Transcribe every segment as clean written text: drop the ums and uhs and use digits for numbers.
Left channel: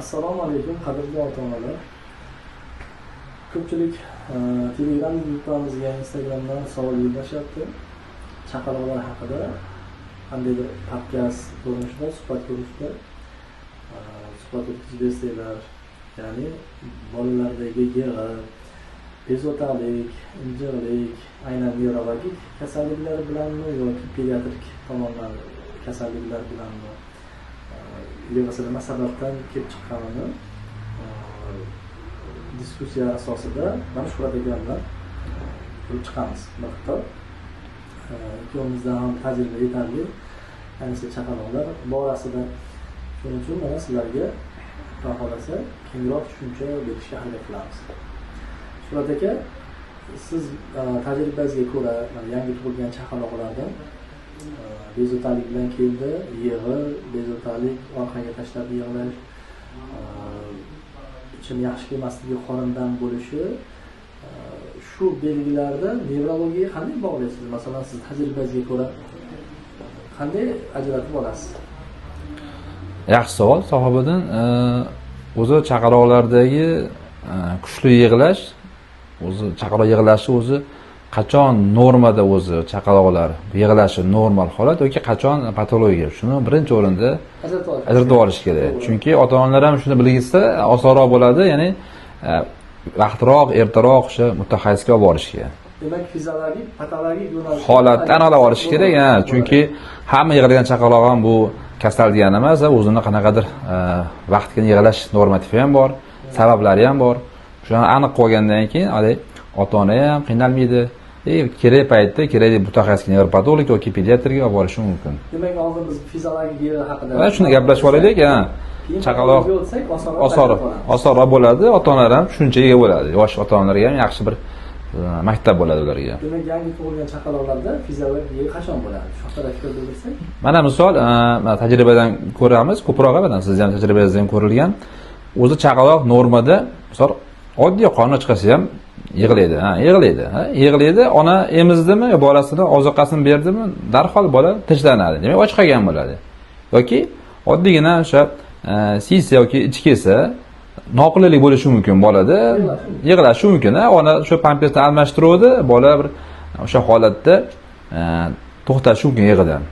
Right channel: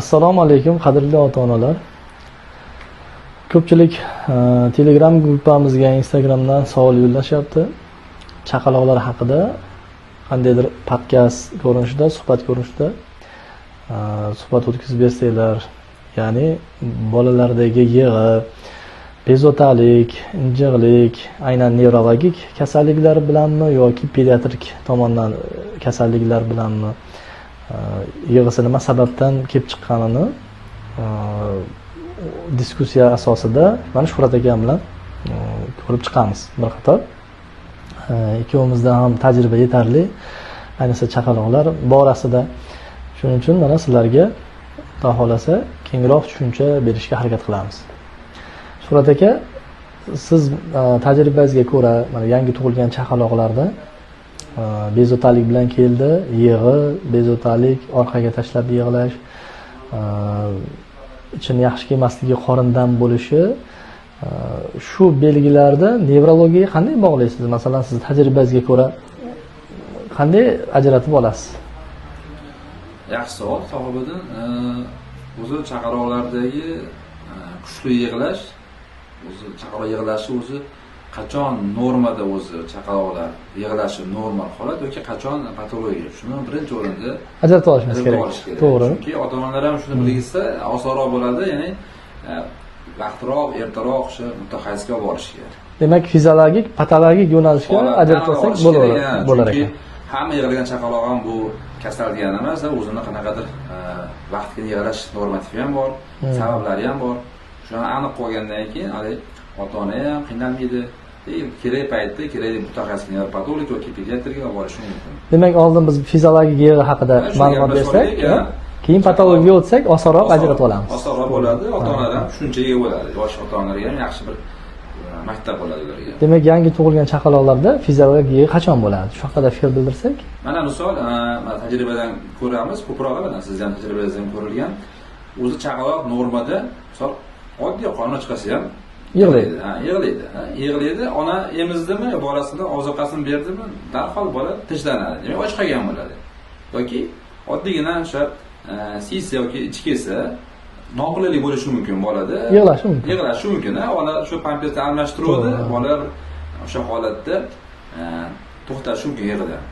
Assalomu alaykum qadrli ota-onalar. Ko'pchilik Telegram gruppamizga Instagramdan savol yo'llashyapti. Chaqaloqlar haqida qandaydir podkast ko'rinishida, suhbat ko'rinishida suhbat o'tkazib bersanglar, ya'ni bolalardagi yig'i, bezovtalik, injiqlik, aynan nevrologik kasalliklar bilanmi yoki pediatrik tomondan kasalliklar bilanmi yig'isi nima sababdan kelib chiqqanini diskussiya asosida mana Shuhrat akam bilan ko'rib chiqamiz. Bir qator ikkovimizda ham tajriba yetarli, ayniqsa chaqaloqlar borasida. Shuning uchun mana sizlarga Xudo xolasa kengroq tushuncha berishga harakat qilamiz. Shuhrat aka, siz tajribangizga ko'ra mana yangi tug'ilgan chaqaloqlarda bezovtalik bilan keldi, yig'i, bezovtalik, orqaga tashlab yig'lash, ichini yaxshi kelmasligi, qorindan bo'lishi, shu belgilarda nevrologiyaga qanday bog'laysiz? Masalan, siz tajribangizga ko'ra qanday ajratib olasiz? Yaxshi savol sahobadan. O'zi chaqaloqlardagi kuchli yig'lash, o'zi chaqaloq yig'lashi o'zi qachon normada o'zi chaqaloqlar yig'lashi normal holat yoki qachon patologiya, shuni birinchi o'rinda ajratib olish kerak. Chunki ota-onalar ham shuni bilgizsa osonroq bo'ladi, ya'ni vaqtroq, ertaroq o'sha mutaxassisga olib borish kerak. Demak, fiziologik, patologik yo'nalishda holatdan olib olish kerak. Chunki hamma yig'lagan chaqaloq ham bu kasal degani emas, o'zini qanaqadir vaqtga yig'lash normativi ham bor, sabablari ham bor. Shuni aniq qo'ygandan keyin ota-ona ham qiynalmaydi. Kerak paytda kerak mutaxassisga, nevropatolog yoki pediatrga olib borishi mumkin. Demak, oldin biz fiziologik yig'i haqida shuni gaplashib olaylik, keyin patologiyaga o'tsak, osonroq ajratib olamiz. Osonroq bo'ladi, ota-onalar ham tushunchaga ega bo'ladi. Yosh ota-onalarga ham yaxshi bir maktab bo'ladi ularga. Demak, yangi tug'ilgan chaqaloqlarda fiziologik yig'i qachon bo'ladi? Shu haqida fikr bildirsak. Mana misol, tajribadan ko'ramiz, ko'proq mana siz ham tajribangizdan ko'rilgan. O'zi chaqaloq normada, misol oddiy qorni chiqsa ham yig'laydi, yig'laydi. Ona emizdimi, bolasini oziqasini berdimi, darhol bola tishlanadi. Demak, och qolgan bo'ladi. Yoki oddiygina o'sha siysa yoki ichi kelsa, noqulaylik bo'lishi mumkin bolada. Yig'lashi mumkin. Ona shu pampersni almashtiruvdi, bola bir o'sha holatda to'xtashi mumkin yig'idan.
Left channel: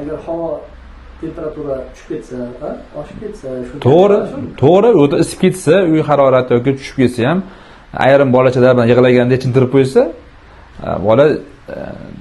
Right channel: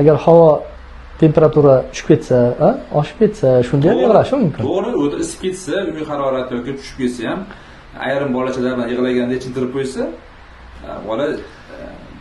Agar havo temperatura tushib ketsa, oshib ketsa, shunda yig'lashi mumkin. To'g'ri, o'ta isib ketsa, uy harorati yoki tushib ketsa ham ayrim bolachalar bilan yig'laganda ichintirib qo'ysa, bola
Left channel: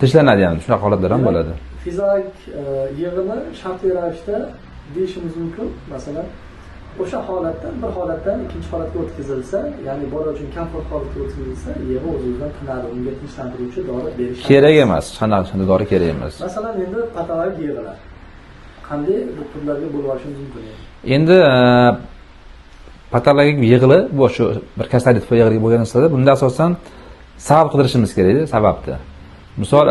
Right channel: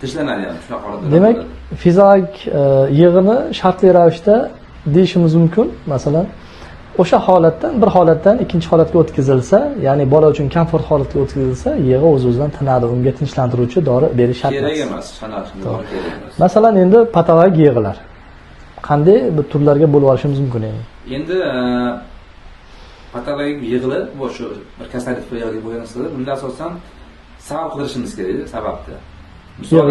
tishlanadi ham, shunaqa holatlar ham bo'ladi. Demak, fiziologik yig'ini shartli ravishda deyishimiz mumkin. Masalan, o'sha holatdan bir holatdan ikkinchi holatga o'tkazilsa, ya'ni bola uchun komfort holatga o'tkazilsa, yig'i o'z-o'zidan tinadi, unga tinchlantiruvchi dori berish kerak emas. Shunday dori kerak emas. Masalan, endi patologik yig'ilar qanday bir turlarga bo'lib olishimiz mumkin endi? Endi patologik yig'ili bu shu bir kasallik tufayli yig'ili bo'lgan narsalar, bunda asosan sabab qidirishimiz kerak, sababni. Misol,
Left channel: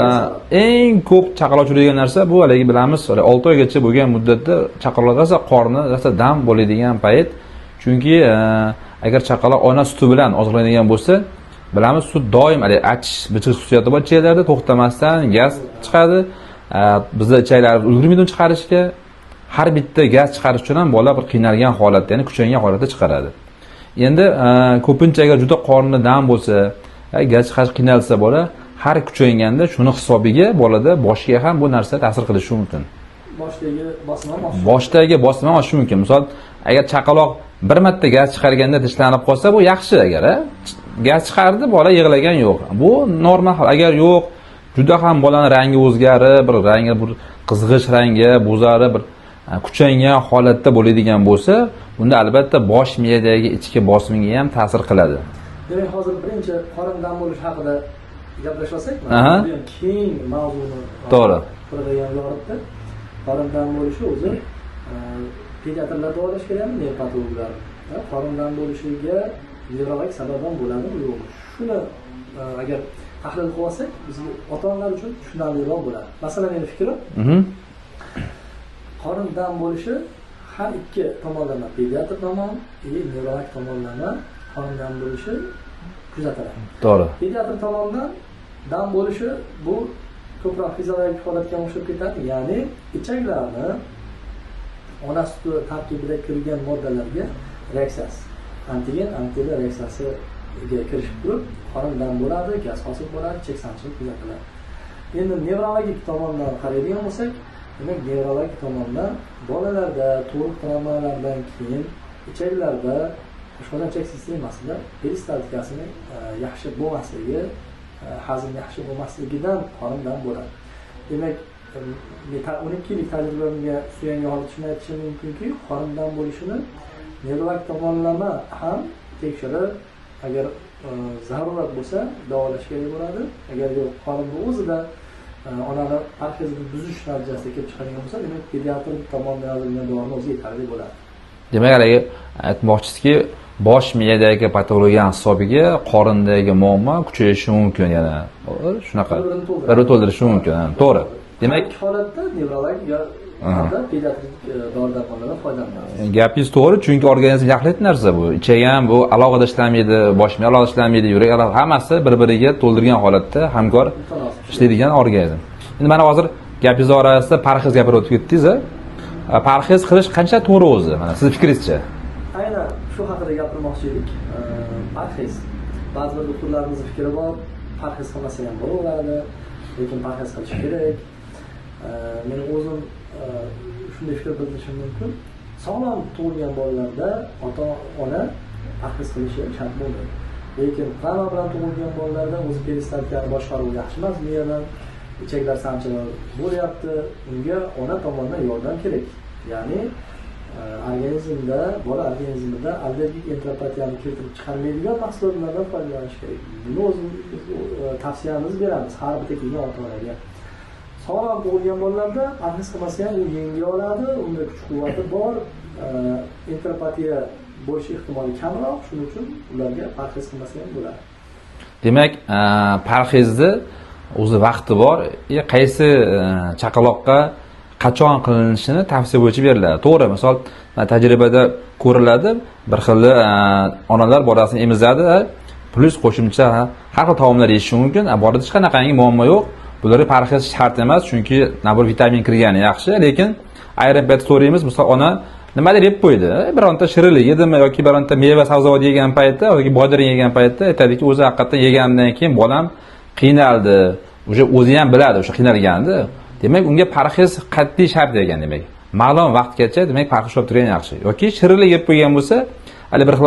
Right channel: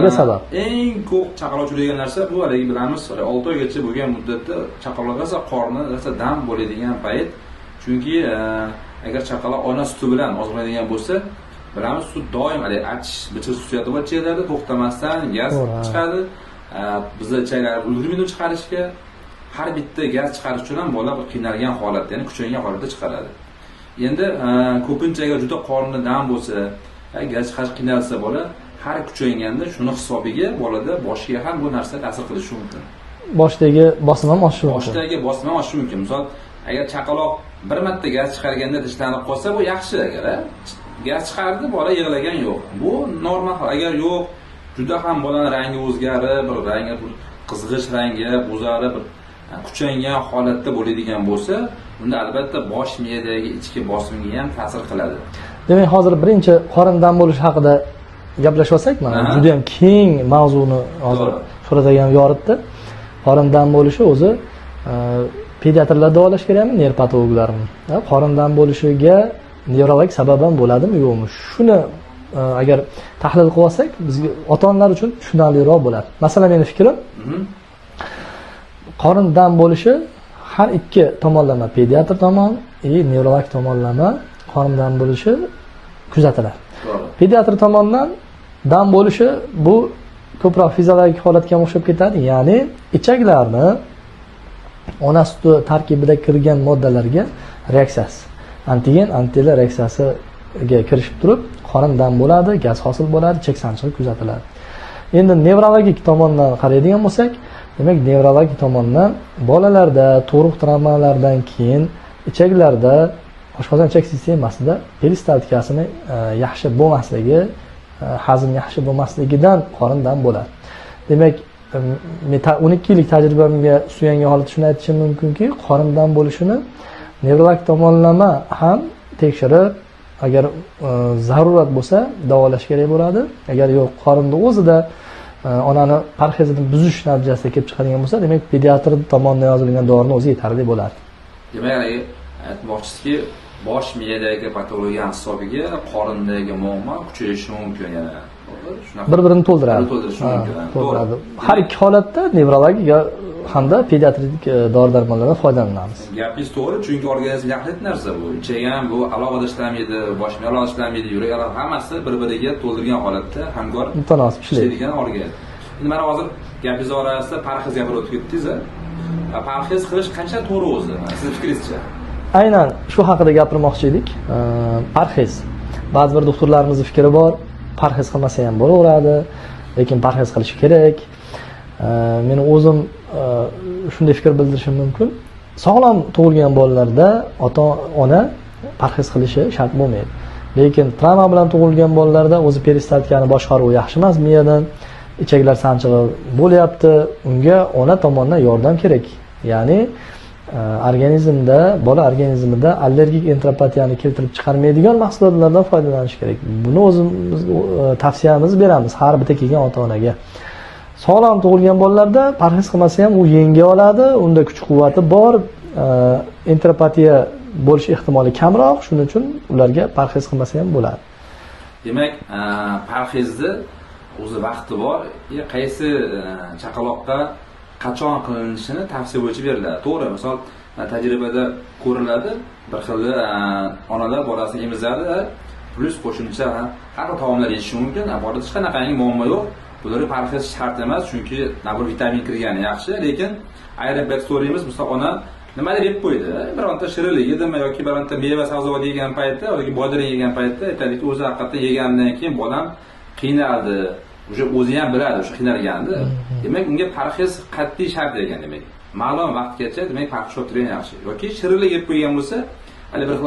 eng ko'p chaqaloq uchraydigan narsa bu haligi bilamiz, 6 oygacha bo'lgan muddatda chaqaloqlar qorni dam bo'ladigan payt. Chunki agar chaqaloq ona suti bilan oziqlanadigan bo'lsa, bilamiz, sut doim achish, bichiq xususiyati bor ichaklarda, to'xtamasdan gaz chiqadi. Bizda ichaklar ulgurmaydi chiqarishga. Har bitta gaz chiqarish uchun ham bola bir qiynalgan holatda, ya'ni kuchaygan holatda chiqaradi. Endi ko'pincha agar juda qorni dam bo'lsa, gaz chiqarish qiynalsa bola, har kuchayganda shuni hisobiga bolada boshiga ham bu narsa ta'sir qilishi mumkin. Boshdagi bosim ham oshishi mumkin. Boshdagi bosim ham oshishi mumkin. Misol, agar chaqaloq bir marta gaz chiqarganda tishlanib qolsa, bu yaxshi. Agar gaz chiqardi, bola yig'lagan yo'q. Bu normal. Agar yo'q, juda ham bolaning rangi o'zgarib, bir rangi bir qizg'ish rangga, bo'zarib, bir kuchaygan holatda bo'ladigan bo'lsa, bunda albatta bosh miyadagi ichki bosimga ham ta'sir qiladi. Demak, hozir birinchi qorindan bo'lish haqida gaplashib olsakmi? Juda ham keng mavzuni to'g'ri Shuhrat akam yoritdi. Qorindan bo'lishi o'zi pediatrlar davolashga kerakmi, nevropatologlarmi? Qorindan bo'lishiga nevrologik sabab ham bo'ladimi, yo'qmi? Shuni agar tahlil qilib olsak, bizga ota-onalar uchun tushunarliroq bo'ladi. Masalan, meni fikrim, qorin dam bo'lishi har ikki tomonlama, pediatr tomon, nevrolog tomonlama qorin dam bo'lishi kuzatiladi. To'g'ri. Pediatr tomonidan dam bo'lishi bu ko'proq fiziologik holatga o'xshab ketadi, ya'ni ichaklarni ona suti tarkibida kirgan moddalarga reaksiyasi, antigen antitela reaksiyasiga kirishib turib, qorin dam bo'ladi, gaz hosil bo'ladi, chek sanchig'i kuzatiladi. Endi nevrologik tomondan qaraydigan bo'lsak, demak nevrologik tomondan bolalarda tug'ruq travmalardan keyin ichaklarda, oshqozon ichak sistemasida peristaltikasini yaxshi bo'lmasligi, hazm yaxshi bo'lmasligidan qorin dam bo'ladi. Demak, men 12 yillik tajribamga suyangan holatda shuni aytishim mumkinki, qorin dam bo'lishini nevrologik tomonlama ham tekshirib, agar zarurat bo'lsa davolash kerak bo'ladi. Agar yo'q, qorinni o'zida onani parhezini buzish natijasida kelib chiqadigan bo'lsa, demak pediatr tomonidan yozilgan dorini o'zi yetarli bo'ladi. Demak, haligi aytmoqchisizki, bosh miyadagi patologiya hisobiga qorindagi muammo kuchayishi mumkin yana. Shunaqa bir-birini to'ldirishi mumkin. To'g'ri. Har ikki holatda nevrologik hamda pediatrik dori-darmonlardan foydalanamiz. Gapingiz to'g'ri, chunki organizm yaxlit narsa bu. Ichak ham bu alohida ishlamaydi, bosh miya alohida ishlamaydi, yurak alohida, hammasi bir-biriga to'ldirgan holatda hamkor ishlaydigan organizm. Endi mana hozir gapingiz orasida parhez gapirib o'tib ketdingiz. Parhez qilish qancha to'g'ri o'zi? Mana siz fikringizcha? Aynan shu haqida gapirmoqchi edik. Parhez. Ba'zi bir doktorlarimizning fikri bor, parhez qilmasa ham bo'laveradi, lekin parhez qilish kerak. Men o'zim shunday fikr bildirishim mumkin. Sog'lom tug'ilgan bolalarda ota-ona parhez qilishi shart bo'lmaydi. Lekin travma bilan tug'ilgan bolalarda o'zi peristaltikani boshqaruvi yaxshi emas, miyadan ichaklar sanchig'i bo'lyapti, unga ona tomonidan yordam kerak. Ya'ni organizmda, bola organizmida allergik entropatiyani keltirib chiqarmaydigan mahsulotlardan foydalanish kerak. Buni o'zimiz tavsiyamizni beramiz har bitta kelgan ota-onaga. Sog'lom tug'ilgan bolalarda parhez qilmasa ham u yenga oladi, unda kuch-quvvati bor, entropatiya bo'lish ehtimoli kamroq, shuning uchun ularga parhez qilmasa ham bo'ladi. Demak, parhezni o'zi vaqti bor, qaysi chaqaloqqa qachon qilinishini tavsiya bo'yicha beriladi. To'g'ri, misol tajribada ko'riladi, bir xil onalar bolasini emizadi, plus qo'shimcha har xil taomlar yeyishi mumkin. Borida hech qanaqangi muammo yo'q. Bularga parhez shart emas, chunki nabir vitamin kirgani yaxshi, lekin ayrim payt so'raymiz, misol ona nimadir yeb qo'ydi, bironta shirinlik yedimi yoki bironta meva sabzavot yegan paytda yoki bodring yegan paytda aytadiki, o'zi haqiqatan yegandan keyin bolam qiynaldi. O'zi ham biladi o'sha qiynalganini. Demak, unga parhez qat'iy shart ekan demak. Ma'lum vaqtgacha demak parhez qilib turgan yaxshi. Yoki shirinlik yeb qo'ygan bo'lsa, hali bir xil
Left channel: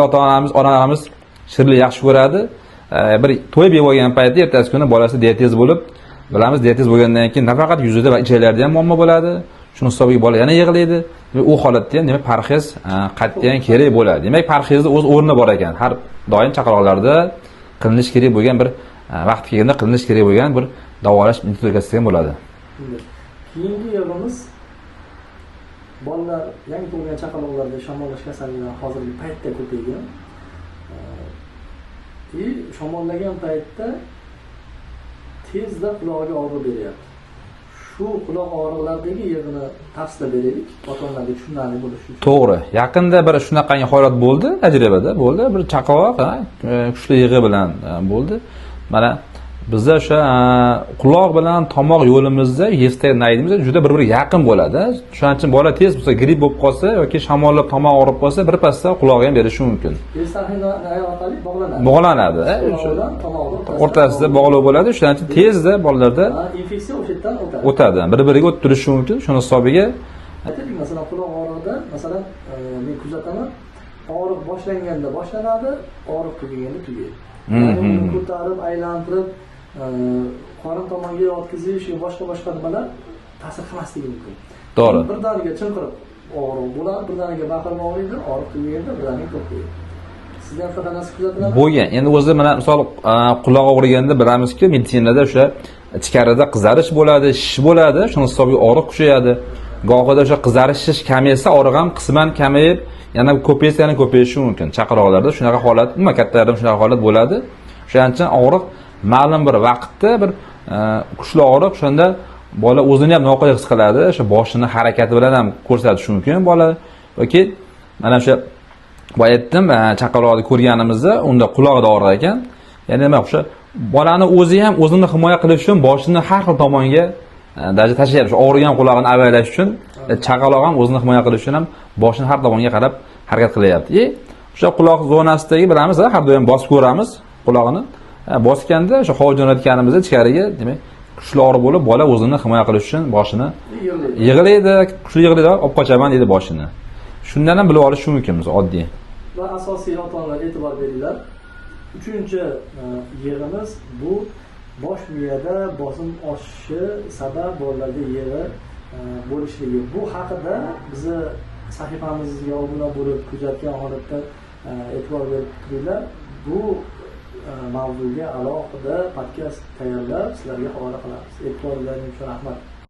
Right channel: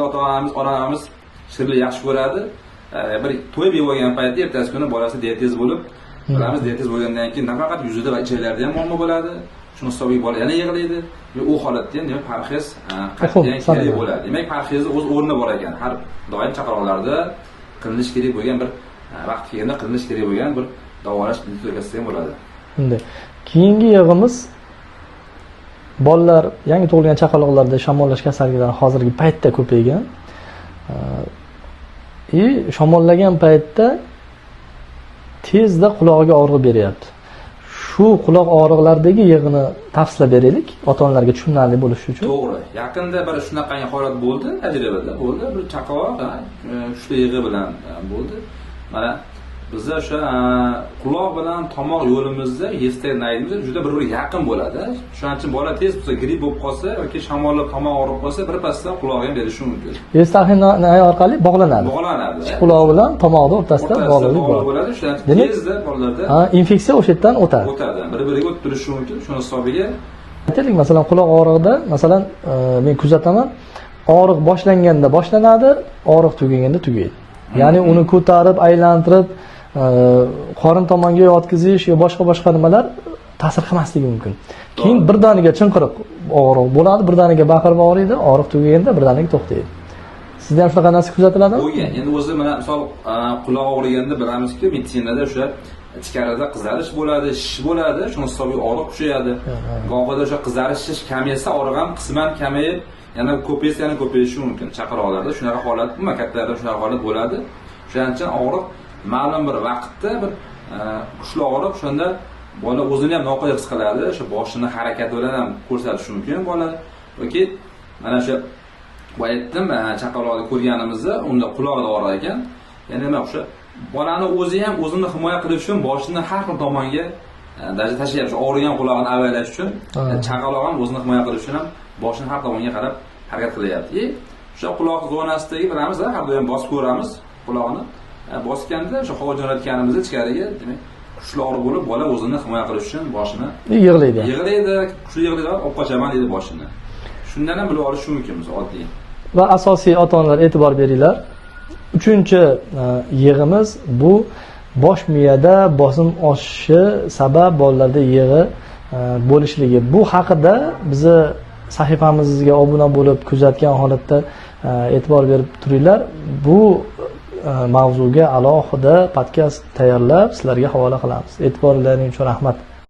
onalarimiz shirinlik yaxshi ko'radi. Bir to'yib yeb olgan paytda ertasi kuni bolasi diatez bo'lib, bilamiz diatez bo'lgandan keyin nafaqat yuzida va ichaklarida ham muammo bo'ladi. Shuni hisobiga bola yana yig'laydi. U holatda ham demak parhez qat'iyan kerak bo'ladi. Demak, parhezni o'z o'rni bor ekan. Har doim chaqaloqlarda qilinish kerak bo'lgan bir vaqt kelganda qilinish kerak bo'lgan bir davolash metodikasi ham bo'ladi. Endi keyingi yig'imiz bolalar, yangi tug'ilgan chaqaloqlarda shamollash kasalliklari hozirgi paytda ko'paygan. Shamollagan paytda tezda qulog'iga og'riq beryapti. Shu quloq og'riqlaridagi yig'ini tafsilab beraylik, ota-onalarga tushunarli bo'lishi uchun. To'g'ri. Yaqinda bir shunaqangi holat bo'ldi, tajribada bo'ldi. Bir chaqaloq kuchli yig'i bilan bo'ldi. Mana bizda o'sha quloq bilan tomoq yo'limizda yestak naydimiz juda bir-biriga yaqin bo'ladi. Shuning uchun bola tez bo'lsa gripp bo'lib qolsa yoki shamollab tomoq og'rib qolsa, birpasda qulog'i ham berishi mumkin. Yestak nay orqali bog'lanadi. Bog'lanadi. Quloq bilan tomoqni o'rtasida bog'liq bo'ladi. Shuning uchun tezda bolalarda infeksiya o'sha yerdan o'tadi. O'tadi. Bir-biriga o'tib turishi mumkin. Shuni hisobiga aytaylik, masalan, quloq og'rig'ida, masalan, men kuzataman, og'riq boshlanganda boshlanadi, og'riq tugaganda tugaydi. Ya'ni uni ko'tarib, aylantirib qorin tomonga yotqizish yo boshqa nimalar ta'sir qilmasligi mumkin. Keyin birdaniga chinqiriq og'riq bo'ladi, birdaniga baqirib og'riydi, og'riq tugaganda birdaniga to'xtaydi. Sizda ham shunaqa narsa kuzatiladimi? Bo'lgan. Endi o'zi mana misol quloq og'riganda bilamizki, meditsinada o'sha ichkarida qizarish bo'ladi, shish bo'ladi, shuni hisobiga og'riq kuchayadi. Gohida o'sha qizarish, shish kamaysa, og'riq ham qisman kamayib, yana ko'paysa yana ko'payishi mumkin. Chaqaloqlarda shunaqa holat, kattalarda ham shunaqa holat bo'ladi. Shuning uchun og'riq ma'lum bir vaqtda bir kuchli og'riq, shunda bola o'zini ham noqulay his qiladi, o'sha boshini harakati bilan ham ko'rsatishi mumkin bola. Yoki mana o'sha boya aytdim, chaqaloqni ko'rganimizda unda quloqida og'riq ekan. Ya'ni nima o'sha bolani o'zi ham o'zini himoya qilish uchun boshini har xil tomonga Даже tashlayapti. Og'rigan qulog'ini avaylash uchun, chaqaloq ham o'zini himoya qilish uchun ham boshini har tomonga qarab harakat qilyapti. O'sha quloq zonasidagi bilamiz, har doim bosib ko'ramiz quloqni. Bosganda o'sha hovuj jo'natganimizda ichkariga, demak, kuchli og'riq bo'lib, bola o'zini himoya qilish uchun boshini yig'laydi. Yig'laydi, kuchli yig'laydi, olib qochaman deydi boshini. Shundan ham bilib olish mumkin biz oddiy. Va asosiy ota-onalar e'tibor beringlar. 3-yig'imiz bu bosh miyada bosim oshishi sabab bolalarda yig'i bo'lishligi. Bu haqida bizni sahifamizga obuna bo'lib kuzatgan holatda e'tibor berib turinglar. Bu mavzuga alohida podkast tayyorlab sizlarga havola qilamiz. E'tiborlaringiz uchun rahmat.